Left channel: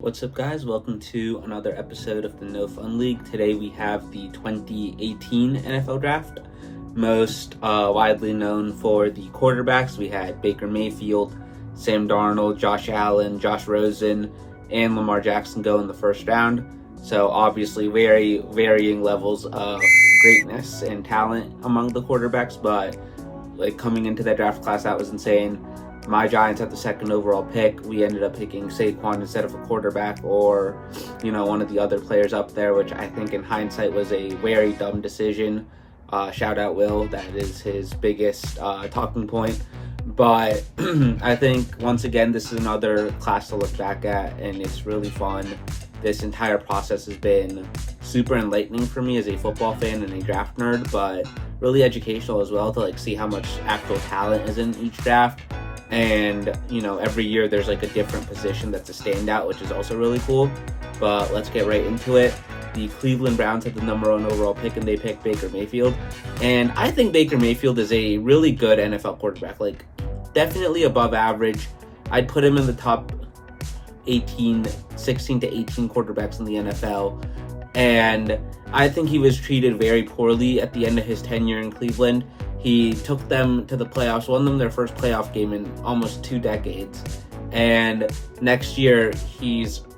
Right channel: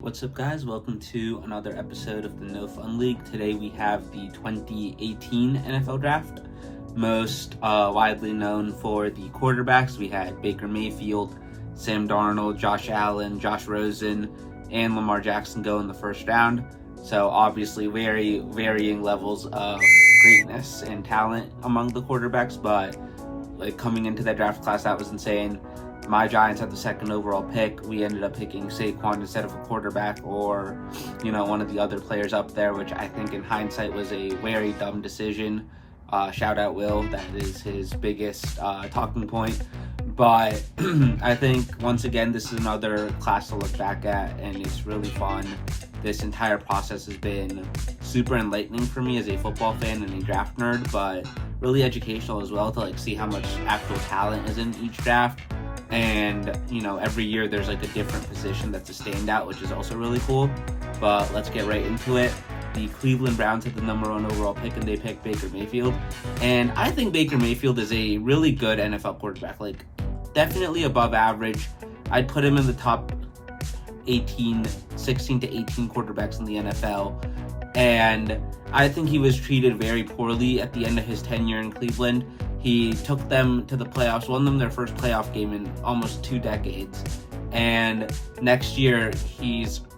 What's up, guys? Welcome to another episode of the No Fun League. Today we have the 2018 NFL Draft. Most widely known for the quarterbacks, we had Baker Mayfield, Sam Darnold, Josh Allen, Josh Rosen, and Lamar Jackson go in the first round. So obviously very varying levels of greatness and talent among the quarterbacks, but coming into that draft class, that was insane. My Giants had the second overall pick. We ended up picking Saquon instead of a quarterback or, one of the other players up there, which I think in hindsight was a very dumb decision. Shout out Will, that is his biggest talking point. But I think, once again, this is another class to look back at, and it's really fun. This entire process has been super enlightening for me as a football fan and a draft nerd, but really educational as well to see how much actual talent is in each draft. And every year there's a different position that's a standout, which is also really cool. But let's get right into it. The Cleveland Browns had the number 1 overall pick, and they picked Baker Mayfield. And I think Baker Mayfield is a really good NFL quarterback, definitely above average. I'd put him in the top 16 to 18 quarterbacks in the NFL. And I think he was treated very poorly at the end of his tenure in Cleveland. He took them to the playoffs, won them their first playoff game in almost 2 decades. And next year,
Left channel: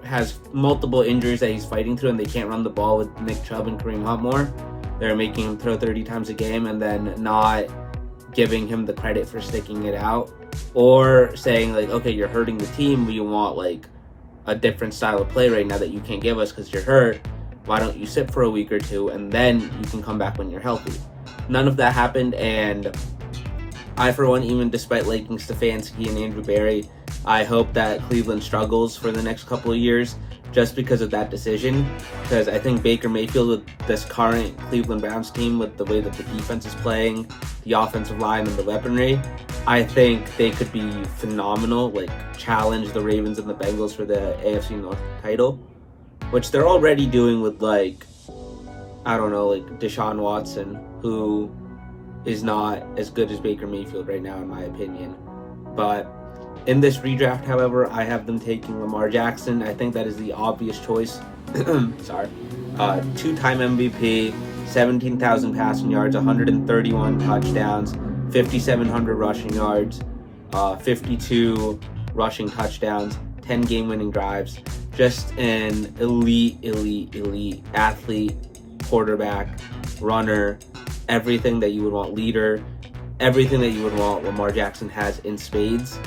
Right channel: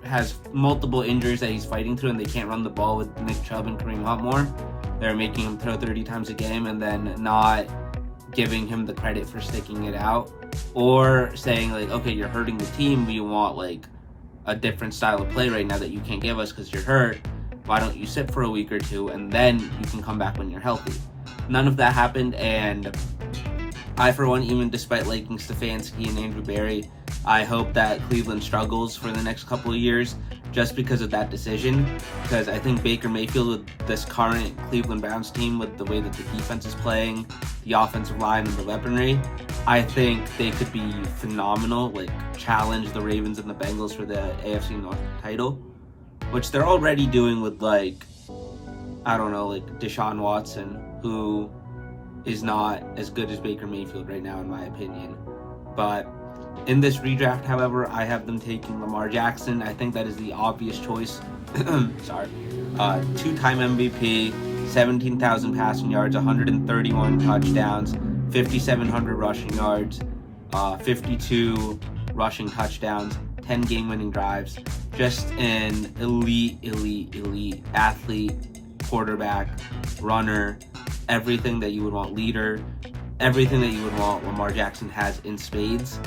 has multiple injuries that he's fighting through, and they can't run the ball with Nick Chubb and Kareem Hunt more. They're making him throw 30 times a game and then not giving him the credit for sticking it out. Or saying, okay, you're hurting the team, but you want, a different style of play right now that you can't give us because you're hurt. Why don't you sit for a week or two, and then you can come back when you're healthy? None of that happened, and I, for one, even despite liking Stefanski and Andrew Berry, I hope that Cleveland struggles for the next couple of years just because of that decision. Because I think Baker Mayfield, with this current Cleveland Browns team, with the way that the defense is playing, the offensive line, and the weaponry, I think they could be phenomenal, challenge the Ravens and the Bengals for the AFC North title, which they're already doing with, Deshaun Watson, who is not as good as Baker Mayfield right now, in my opinion. But in this redraft, however, I have them taking Lamar Jackson. I think that is the obvious choice. Sorry. 2-time MVP, 17,000 passing yards, 131 touchdowns, 5,700 rushing yards, 52 rushing touchdowns, 10 game-winning drives. Just an elite athlete, quarterback, runner, everything that you would want, leader, everything that you would want Lamar Jackson has in spades.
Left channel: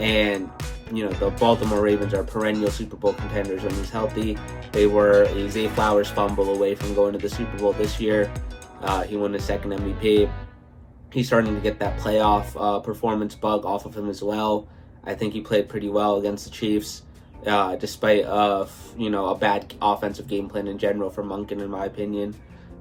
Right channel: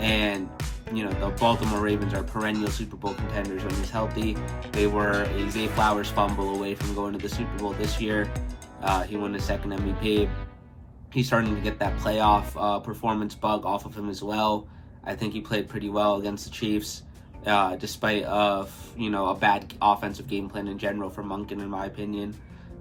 And, the Baltimore Ravens are perennial Super Bowl contenders when he's healthy. They were a Zay Flowers fumble away from going to the Super Bowl this year. He won his second MVP. He's starting to get that playoff performance bug off of him as well. I think he played pretty well against the Chiefs, despite a bad offensive game plan in general for Monken, in my opinion.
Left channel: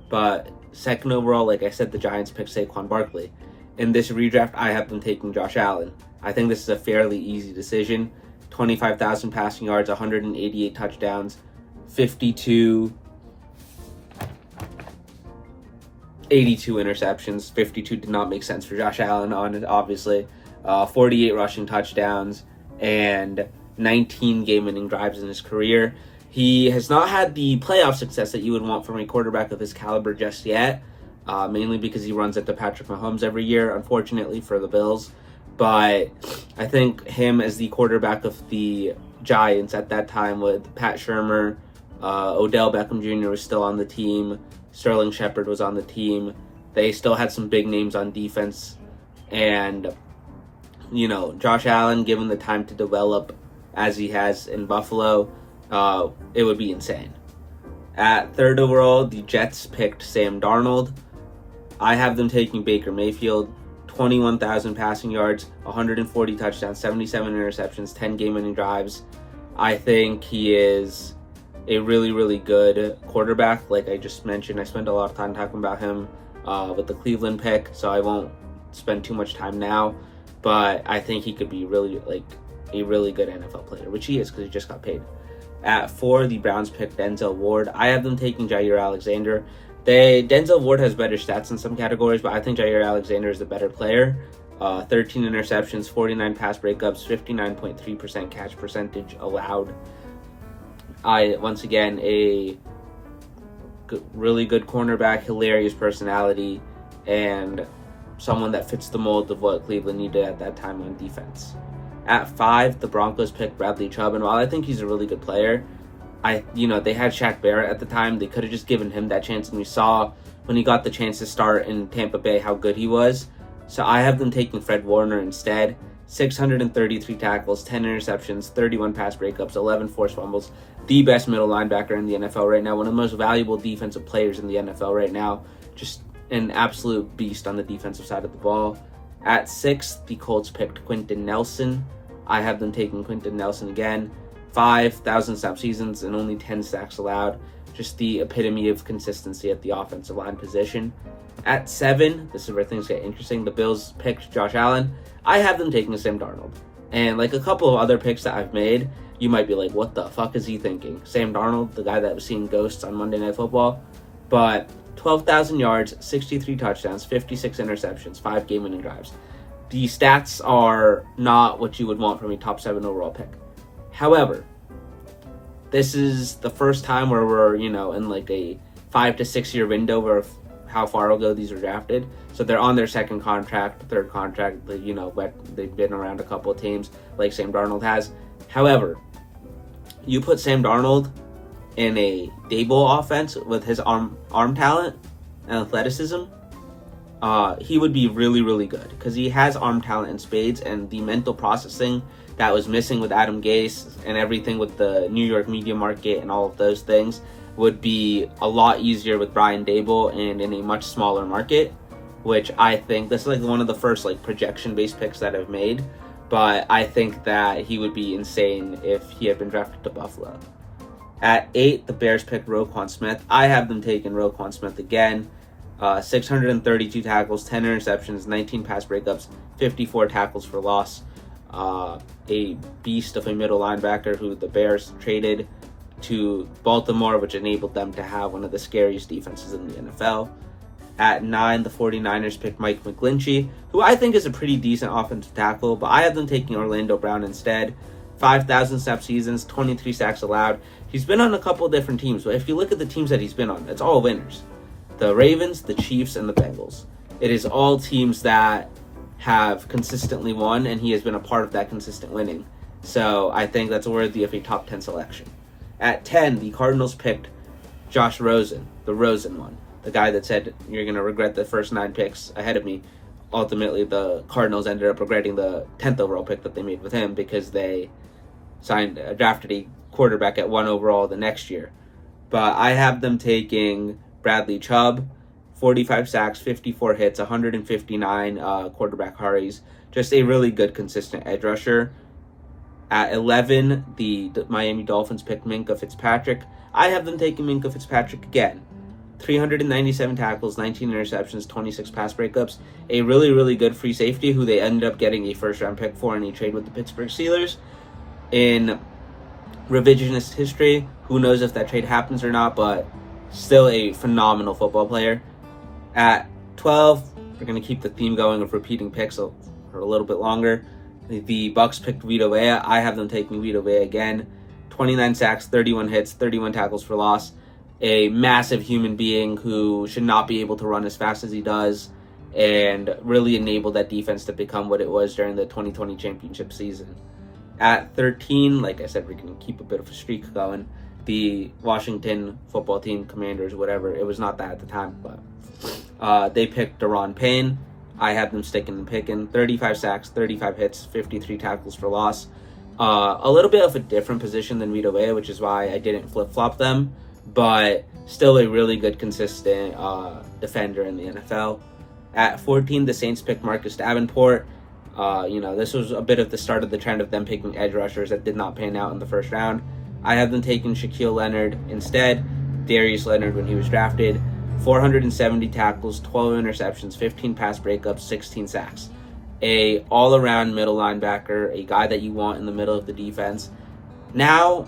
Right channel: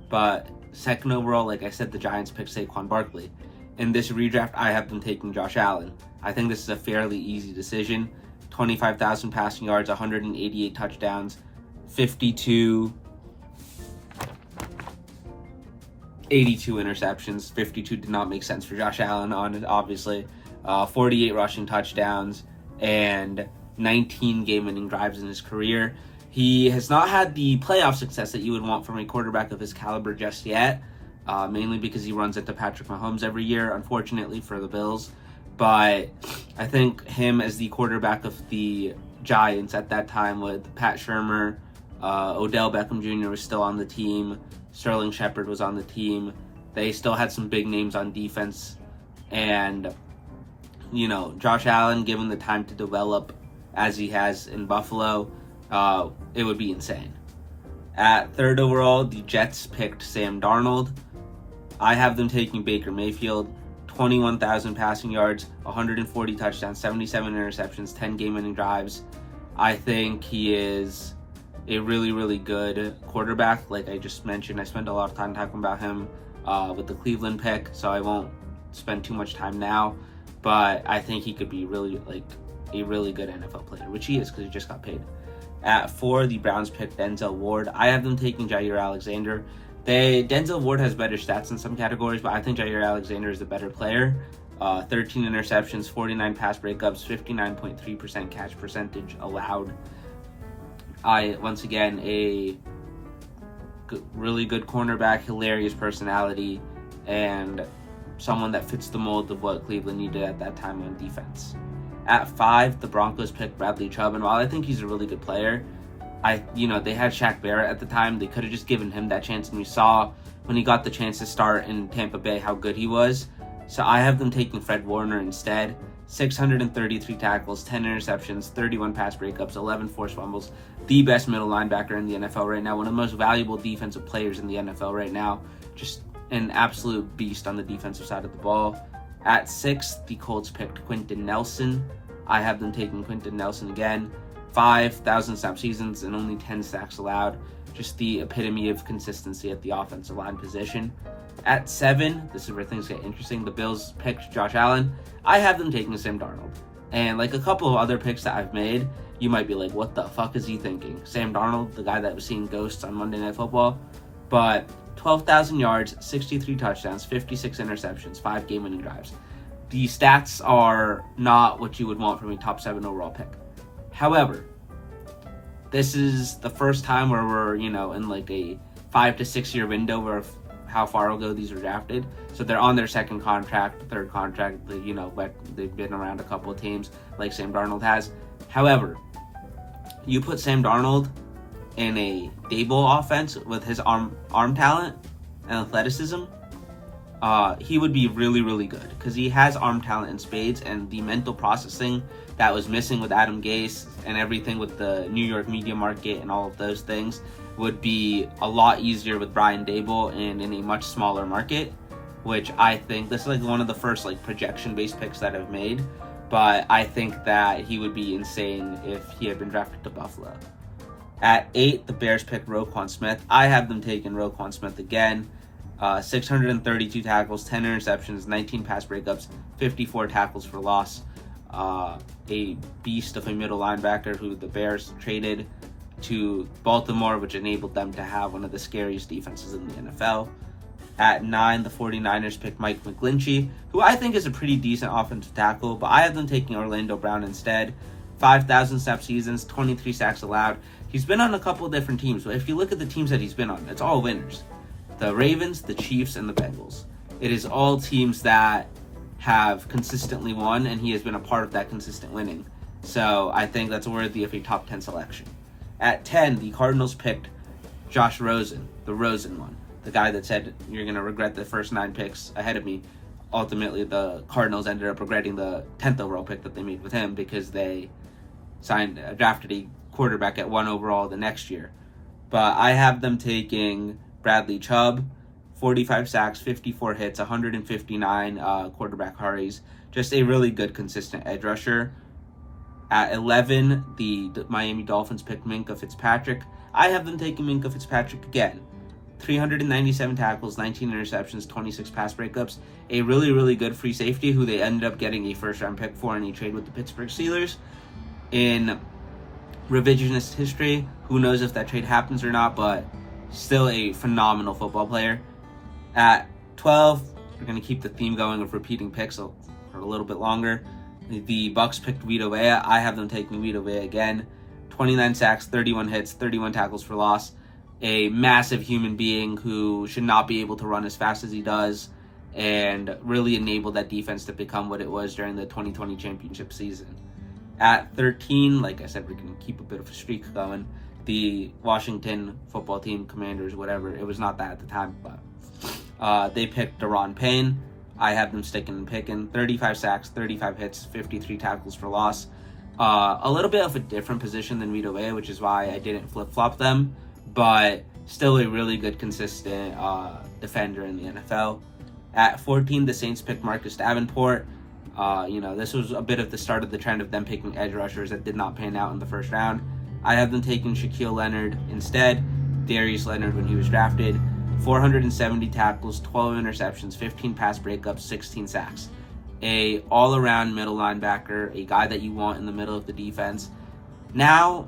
But second overall, like I said, the Giants picked Saquon Barkley. In this redraft, I have them taking Josh Allen. I think this is a fairly easy decision. 25,000 passing yards, 188 touchdowns, 82 interceptions. 52 did not make sense for Josh Allen, obviously. 48 rushing touchdowns, and 19 game-winning drives in his career. He has not had the playoff success that you would want from a quarterback of his caliber just yet, mainly because he runs into Patrick Mahomes every year, unfortunately for the Bills. But I think him as the quarterback of the Giants at that time, with Pat Shurmur, Odell Beckham Jr. was still on the team, Sterling Shepard was on the team. They still had some big names on defense, and Josh Allen, given the time to develop as he has in Buffalo, it would be insane. At third overall, the Jets picked Sam Darnold. I have them taking Baker Mayfield. 21,000 passing yards, 140 touchdowns, 77 interceptions, 10 game-winning drives. I think he is a really, really good quarterback. Like I just mentioned, I spent a lot of time talking about him with the Cleveland pick, so I won't spend too much time now. But I think he could be really a really good NFL player, which he is because he just got paid. At 4, the Browns picked Denzel Ward. I have them taking Jair Alexander. Denzel Ward has better stats in some categories, but I think Jair Alexander is the better player. 13 interceptions, 49 pass breakups, 59.3% catch percentage allowed. Once again, really good cornerback, hilarious personality, and someone that fits the mold of what Cleveland needed at that time on defense. At 5, the Broncos picked Bradley Chubb, and while I think he's a really good player, they had Shaq Barrett at the time. They could have just given him that chance, and we saw when he got the chance to start in Tampa Bay how good he was. So I have them taking Fred Warner instead. 633 tackles, 10 interceptions, 31 pass breakups, 11 forced fumbles. The best middle linebacker in the NFL right now. One of the most valuable defensive players in the NFL right now. Just an absolute beast on the defensive side of the ball. At 6, the Colts picked Quentin Nelson. I have them taking Quentin Nelson again. 5,000 snap seasons and only 10 sacks allowed. Just the epitome of consistency at the offensive line position. At 7, this is where things get interesting. The Bills picked Josh Allen. I have them taking Sam Darnold. And like a couple of other picks that I've made, you might be like, what the fuck is he thinking? Sam Darnold, the guy that was seeing ghosts on Monday Night Football. But 12,000 yards, 63 touchdowns, 56 interceptions, 5 game-winning drives. The stats are not what you would want from a top 7 overall pick. However, this is the first time where we're, in like a 5 to 6 year window of how far ago these were drafted. So they're on their second contract, third contract, but they've been around a couple of teams like Sam Darnold has. However, you put Sam Darnold in a Daboll offense with his arm talent and athleticism, he would be really, really good because he has arm talent in spades, and the mental processing that was missing with Adam Gase and everything with the New York media market and all of those things would be a lot easier with Brian Daboll and in a much smaller market, which I think this is like one of the first like projection-based picks that I've made, but I think that he would be insane if he had been drafted to Buffalo. At 8, the Bears picked Roquan Smith. I have them taking Roquan Smith again. 632 tackles, 10 interceptions, 19 pass breakups, 54 tackles for loss. A beast of a middle linebacker who the Bears traded to Baltimore, which enabled them to have one of the scariest defenses in the NFL. At 9, the 49ers picked Mike McGlinchey, who I think is a pretty decent offensive tackle, but I have them taking Orlando Brown instead. 5,000 snap seasons, 23 sacks allowed. He's been on a couple of different teams, but if you look at the teams that he's been on, it's all winners. The Ravens, the Chiefs, and the Bengals. It is all teams that have consistently won, and he has been a part of that consistent winning. So I think that's worthy of a top 10 selection. At 10, the Cardinals picked Josh Rosen, the Rosen one. The guy that said, you're going to regret the first 9 picks ahead of me. Ultimately, the Cardinals ended up regretting the 10th overall pick that they made with him because they drafted a quarterback at 1 overall the next year. But I have them taking Bradley Chubb, 45 sacks, 54 hits, 159 quarterback hurries. Just a really good, consistent edge rusher. At 11, the Miami Dolphins picked Minkah Fitzpatrick. I have them taking Minkah Fitzpatrick again. 397 tackles, 19 interceptions, 26 pass breakups. A really, really good free safety who they ended up getting a first-round pick for in a trade with the Pittsburgh Steelers. In revisionist history, who knows if that trade happens or not, but still a phenomenal football player. At 12, we're going to keep the theme going of repeating picks for a little bit longer. The Bucks picked Vita Vea. I have them taking Vita Vea again. 29 sacks, 31 hits, 31 tackles for loss. A massive human being who should not be able to run as fast as he does and really enable that defense to become what it was during the 2020 championship season. At 13, like I said, we're going to keep a bit of a streak going. The Washington football team, Commanders, whatever, it was not that at the time, but they picked Daron Payne. I have them sticking and picking. 35 sacks, 35 hits, 53 tackles for loss. A little bit of a different position than Vita Vea, which is why I didn't flip-flop them, but still a really good, consistent defender in the NFL. At 14, the Saints picked Marcus Davenport. This was a bit of the start of the trend of them picking edge rushers that did not pan out in the first round. I have them taking Shaquille Leonard instead. Darius Leonard when he was drafted. 470 tackles, 12 interceptions, 15 pass breakups, 16 sacks. A all-around middle linebacker, a guy that you want in the middle of the defense. Now,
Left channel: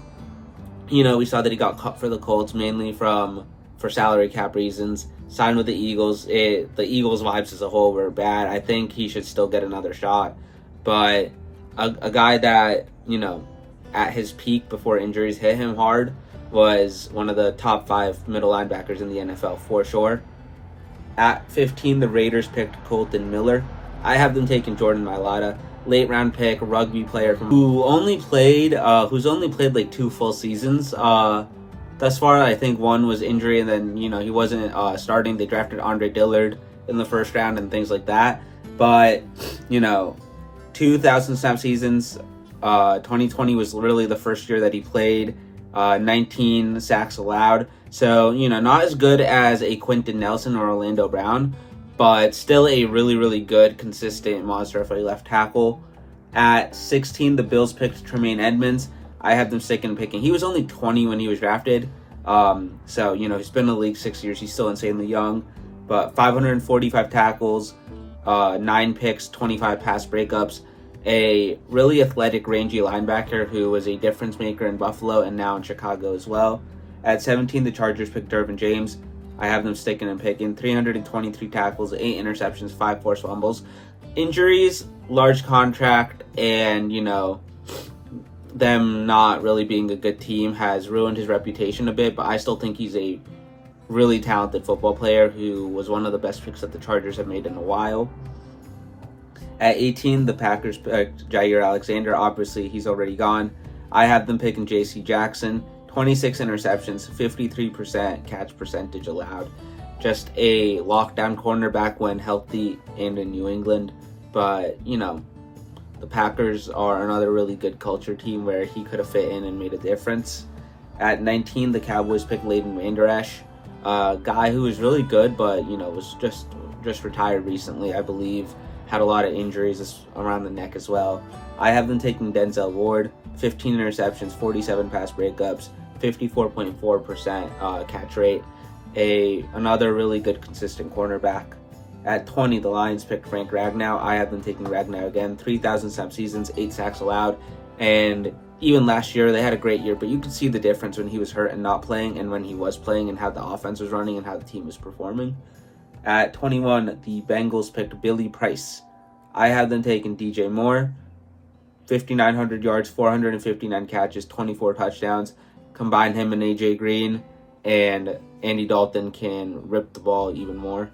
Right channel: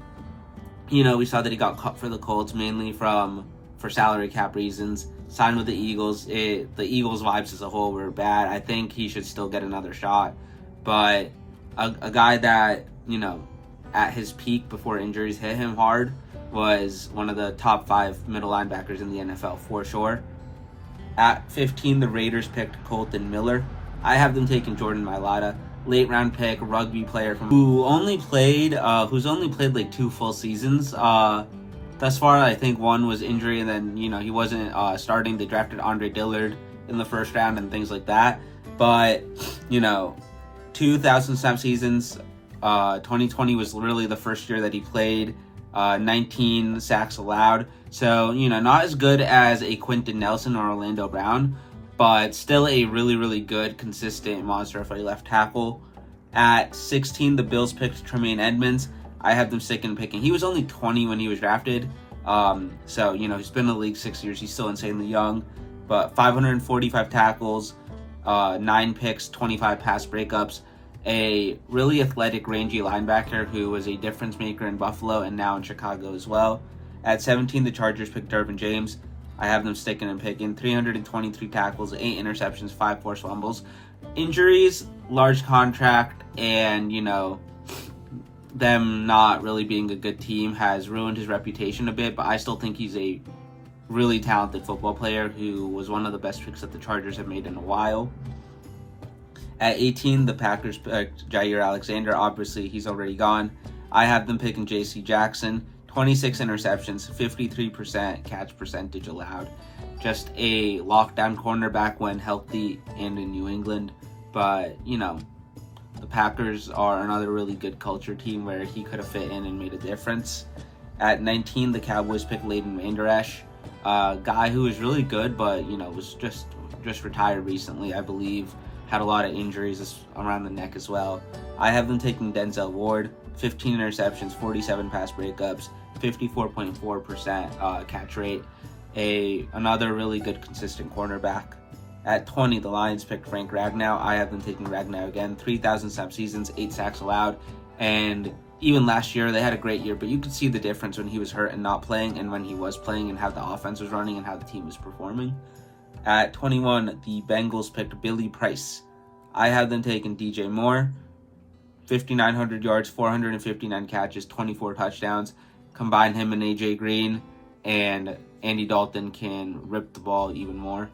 we saw that he got cut for the Colts mainly for salary cap reasons. Signed with the Eagles. The Eagles' vibes as a whole were bad. I think he should still get another shot. But a guy that, at his peak before injuries hit him hard, was one of the top 5 middle linebackers in the NFL for sure. At 15, the Raiders picked Colton Miller. I have them taking Jordan Mailata, late round pick, rugby player who's only played like 2 full seasons. Thus far, I think one was injury, and then he wasn't starting. They drafted Andre Dillard in the first round and things like that. But 2,000 snap seasons. 2020 was really the first year that he played. 19 sacks allowed. So, not as good as a Quentin Nelson or Orlando Brown, but still a really, really good, consistent monster for a left tackle. At 16, the Bills picked Tremaine Edmonds. I have them picking. He was only 20 when he was drafted. So, he's been in the league 6 years. He's still insanely young. But 545 tackles, 9 picks, 25 pass breakups. A really athletic, rangy linebacker who was a difference maker in Buffalo and now in Chicago as well. At 17, the Chargers picked Dervin James. I have them sticking and picking. 323 tackles, 8 interceptions, 5 forced fumbles. Injuries, large contract, and, them not really being a good team has ruined his reputation a bit, but I still think he's a really talented football player who was one of the best picks that the Chargers have made in a while. At 18, the Packers picked Jair Alexander. Obviously, he's already gone. I have them picking J.C. Jackson. 26 interceptions, 53% catch percentage allowed. Just a lockdown cornerback when healthy and in New England. But, the Packers are another really good culture team where he could have fit in and made a difference. At 19, the Cowboys picked Leighton Vander Esch. A guy who was really good, but, was just retired recently, I believe. Had a lot of injuries around the neck as well. I have them taking Denzel Ward. 15 interceptions, 47 pass breakups, 54.4% catch rate. Another really good, consistent cornerback. At 20, the Lions picked Frank Ragnow. I have them taking Ragnow again. 3,000 snap seasons, 8 sacks allowed. And even last year, they had a great year, but you could see the difference when he was hurt and not playing and when he was playing and how the offense was running and how the team was performing. At 21, the Bengals picked Billy Price. I have them taking DJ Moore. 5,900 yards, 459 catches, 24 touchdowns. Combine him and AJ Green, and Andy Dalton can rip the ball even more.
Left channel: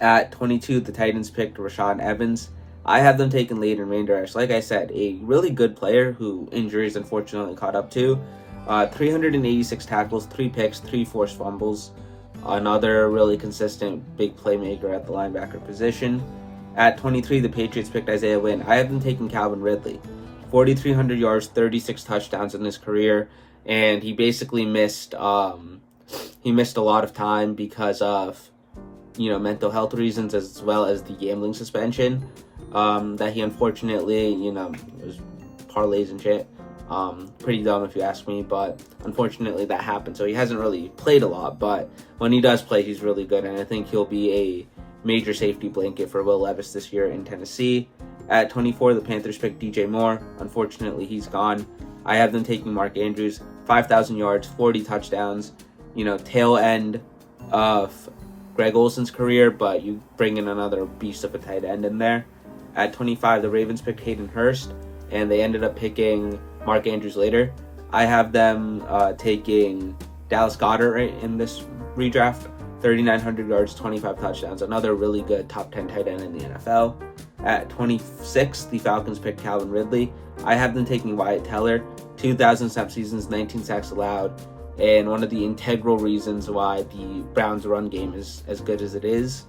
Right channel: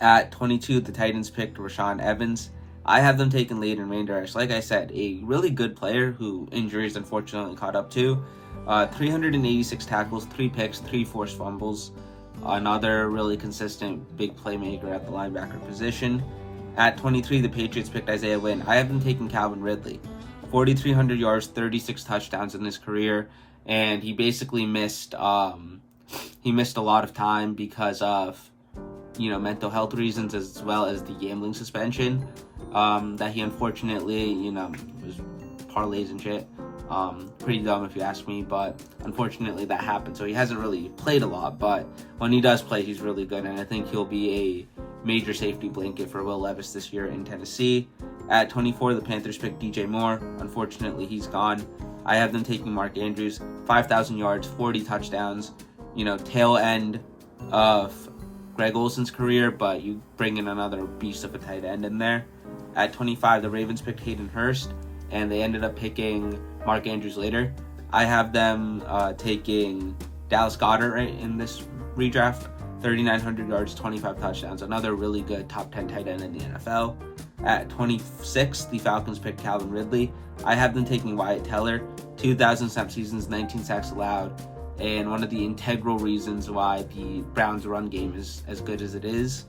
At 22, the Titans picked Rashaan Evans. I have them taking Leighton Vander Esch. Like I said, a really good player who injuries unfortunately caught up to. 386 tackles, 3 picks, 3 forced fumbles. Another really consistent big playmaker at the linebacker position. At 23, the Patriots picked Isaiah Wynn. I have them taking Calvin Ridley. 4,300 yards, 36 touchdowns in his career, and he basically missed a lot of time because of mental health reasons as well as the gambling suspension that he unfortunately was parlays and shit. Pretty dumb if you ask me, but unfortunately that happened. So he hasn't really played a lot, but when he does play, he's really good, and I think he'll be a major safety blanket for Will Levis this year in Tennessee. At 24, the Panthers picked DJ Moore. Unfortunately, he's gone. I have them taking Mark Andrews. 5,000 yards, 40 touchdowns. Tail end of Greg Olsen's career, but you bring in another beast of a tight end in there. At 25, the Ravens picked Hayden Hurst, and they ended up picking Mark Andrews later. I have them taking Dallas Goedert in this redraft. 3,900 yards, 25 touchdowns. Another really good top 10 tight end in the NFL. At 26, the Falcons picked Calvin Ridley. I have them taking Wyatt Teller. 2,000 snap seasons, 19 sacks allowed. And one of the integral reasons why the Browns' run game is as good as it is.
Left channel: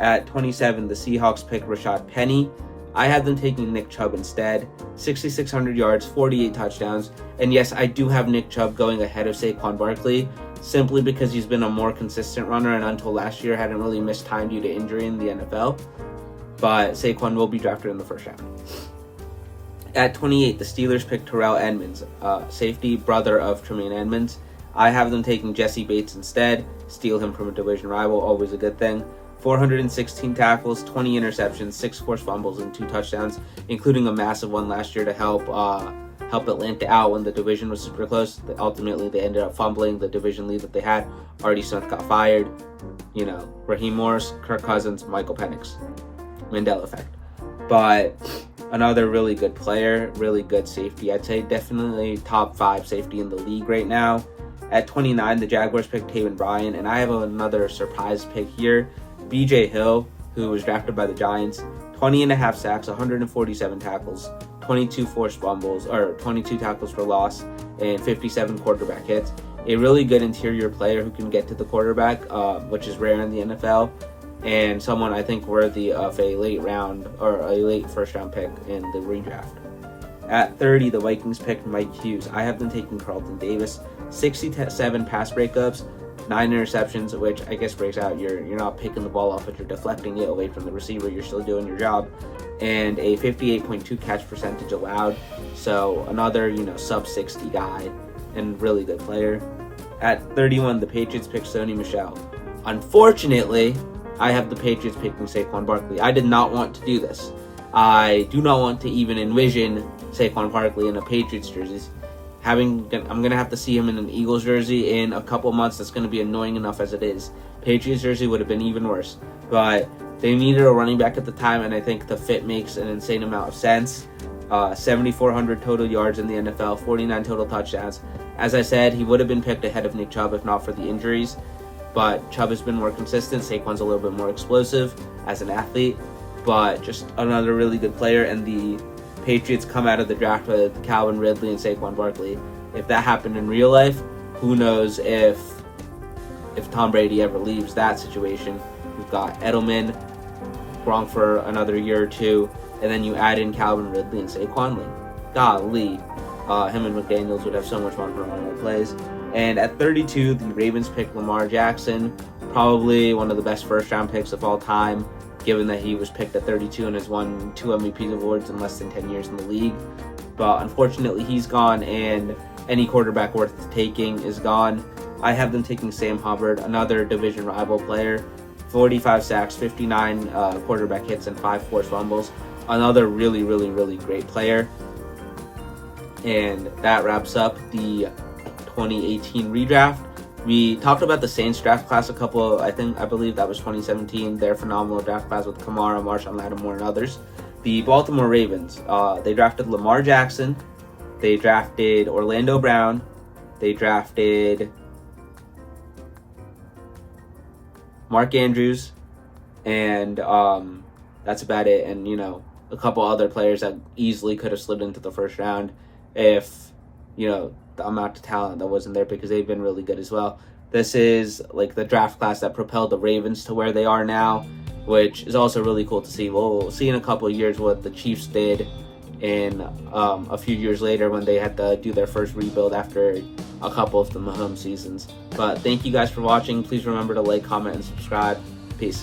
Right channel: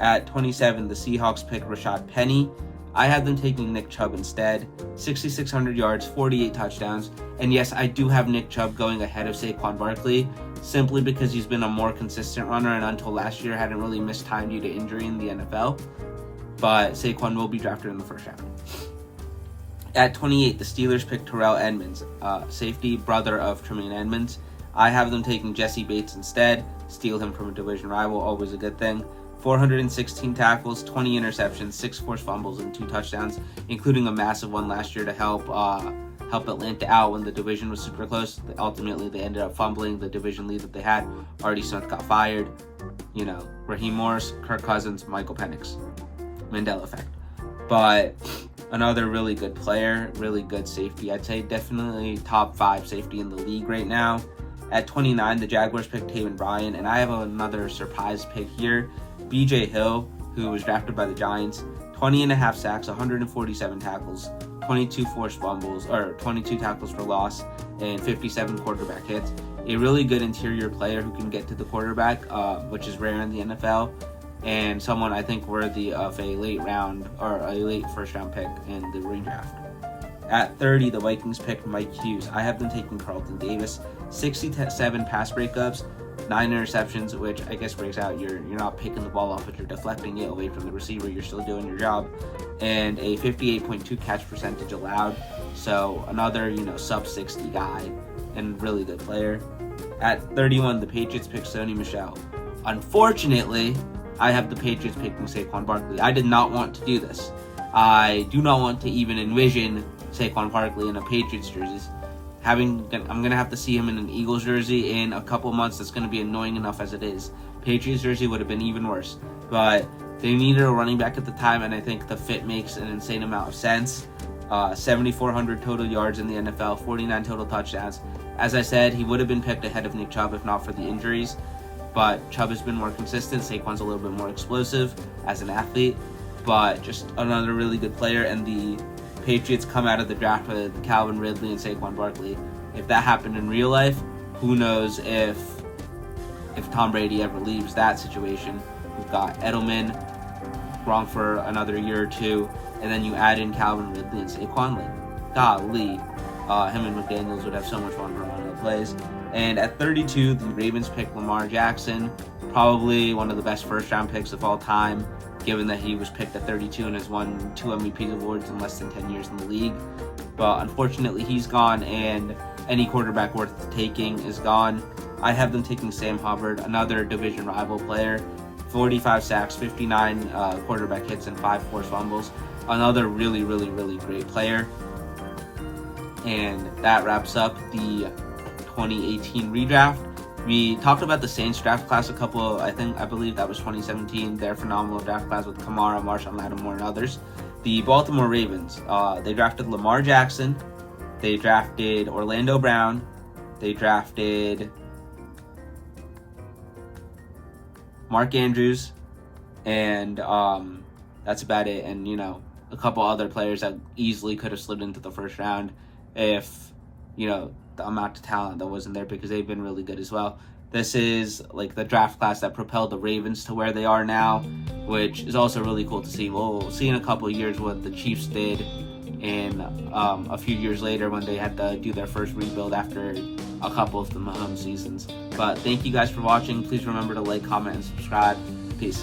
At 27, the Seahawks picked Rashad Penny. I have them taking Nick Chubb instead. 6,600 yards, 48 touchdowns. And yes, I do have Nick Chubb going ahead of Saquon Barkley, simply because he's been a more consistent runner and until last year hadn't really missed time due to injury in the NFL. But Saquon will be drafted in the first round. At 28, the Steelers picked Terrell Edmonds, safety, brother of Tremaine Edmonds. I have them taking Jesse Bates instead. Steal him from a division rival, always a good thing. 416 tackles, 20 interceptions, 6 forced fumbles, and 2 touchdowns, including a massive one last year to help Atlanta out when the division was super close. Ultimately, they ended up fumbling the division lead that they had. Artie Smith got fired. Raheem Morris, Kirk Cousins, Michael Penix. Mandela effect. but another really good player, really good safety. I'd say definitely top 5 safety in the league right now. At 29, the Jaguars picked Taven Bryan, and I have another surprise pick here. B.J. Hill, who was drafted by the Giants, 20.5 sacks, 147 tackles, 22 forced fumbles, or 22 tackles for loss, and 57 quarterback hits. A really good interior player who can get to the quarterback, which is rare in the NFL, and someone I think worthy of a late round or a late first round pick in the redraft. At 30, the Vikings picked Mike Hughes. I have them taking Carlton Davis, 67 pass breakups, 9 interceptions, which I guess breaks out you're not picking the ball off, but you're deflecting it away from the receiver. You're still doing your job, and a 58.2 catch percentage allowed. So another sub 60 guy and really good player. At 31, the Patriots picked Sony Michel. Unfortunately, I have the Patriots picking Saquon Barkley. I did not want to do this. I do not want to even envision Saquon Barkley in a Patriots jersey. I'm going to have to see him in an Eagles jersey in a couple months. That's going to be annoying enough as it is. Patriots jersey would have been even worse. But they needed a running back at the time, and I think the fit makes an insane amount of sense. 7,400 total yards in the NFL, 49 total touchdowns. As I said, he would have been picked ahead of Nick Chubb if not for the injuries. But Chubb has been more consistent. Saquon's a little bit more explosive as an athlete, but just another really good player. And the Patriots come out of the draft with Calvin Ridley and Saquon Barkley. If that happened in real life, who knows if Tom Brady ever leaves that situation. We've got Edelman, Gronk for another year or two, and then you add in Calvin Ridley and Saquon. Golly, him and McDaniels would have so much fun running the plays. And at 32, the Ravens picked Lamar Jackson, probably one of the best first-round picks of all time, given that he was picked at 32 and has won 2 MVP awards in less than 10 years in the league. But unfortunately, he's gone, and any quarterback worth taking is gone. I have them taking Sam Hubbard, another division rival player, 45 sacks, 59 quarterback hits, and 5 forced fumbles. Another really, really, really great player. And that wraps up the 2018 redraft. We talked about the Saints draft class I believe that was 2017. Their phenomenal draft class with Kamara, Marshawn Lattimore, and others. The Baltimore Ravens, they drafted Lamar Jackson, they drafted Orlando Brown, they drafted Mark Andrews, and that's about it. And a couple other players that easily could have slid into the first round if the amount of talent that wasn't there, because they've been really good as well. This is the draft class that propelled the Ravens to where they are now, which is also really cool to see. We'll see in a couple of years what the Chiefs did in a few years later when they had to do their first rebuild after a couple of the Mahomes seasons. But thank you guys for watching. Please remember to like, comment, and subscribe. Peace.